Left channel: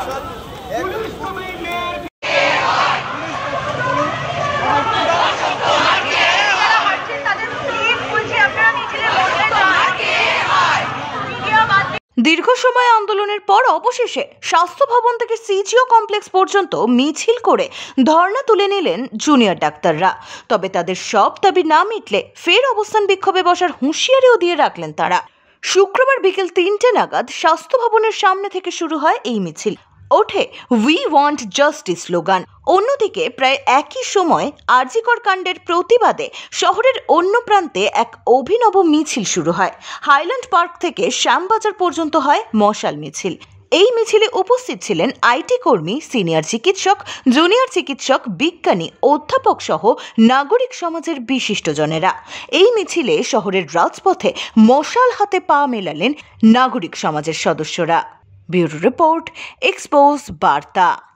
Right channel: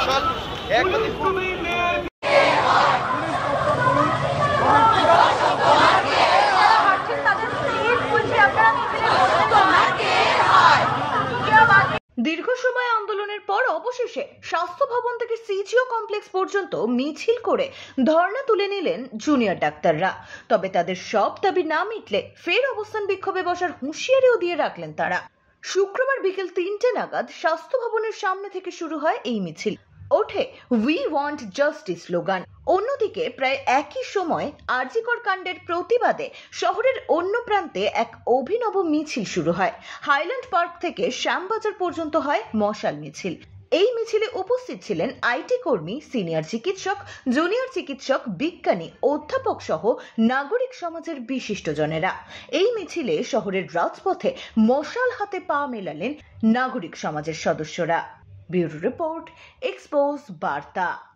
মশাল একমাত্র দীর্ঘ সময় আন্দোলনের পর অবশেষে স্বাস্থ্য ভবন থেকে সিজিও কমপ্লেক্স পর্যন্ত মিছিল করে ধর্ণা তুলে নিলেন জুনিয়র ডাক্তাররা। তবে তাদের সব দাবি না মিটলে ফের অবস্থান বিক্ষোভে বসার হুঁশিয়ারিও দিয়ে রাখলেন তারা। শুক্রবার বিকেল 3টে নাগাদ স্বাস্থ্য ভবনের সামনে থেকে শুরু হয় এই মিছিল। ওঠে উই ওয়ান্ট জাস্টিস স্লোগান। অন্যদিকে প্রায় একই সময় আর.জি. কর কাণ্ডের প্রতিবাদে শহরের অন্য প্রান্তে এক অভিনব মিছিল শুরু হয়। হাইল্যান্ড পার্ক থেকে শ্যামবাজার পর্যন্ত হয় মশাল মিছিল। এই মিছিলে উপস্থিত ছিলেন আইটি কর্মী, সিনিয়র চিকিৎসক, জুনিয়র চিকিৎসক, বিজ্ঞানী, অধ্যাপক সহ নাগরিক সমাজের বিশিষ্টজনেরা। এই মিছিলে শহরের রাজপথে মশাল হাতে পা মেলালেন নাগরিক সমাজের সদস্যরা। ব্যুরো রিপোর্ট, এক্সপোজ বার্তা।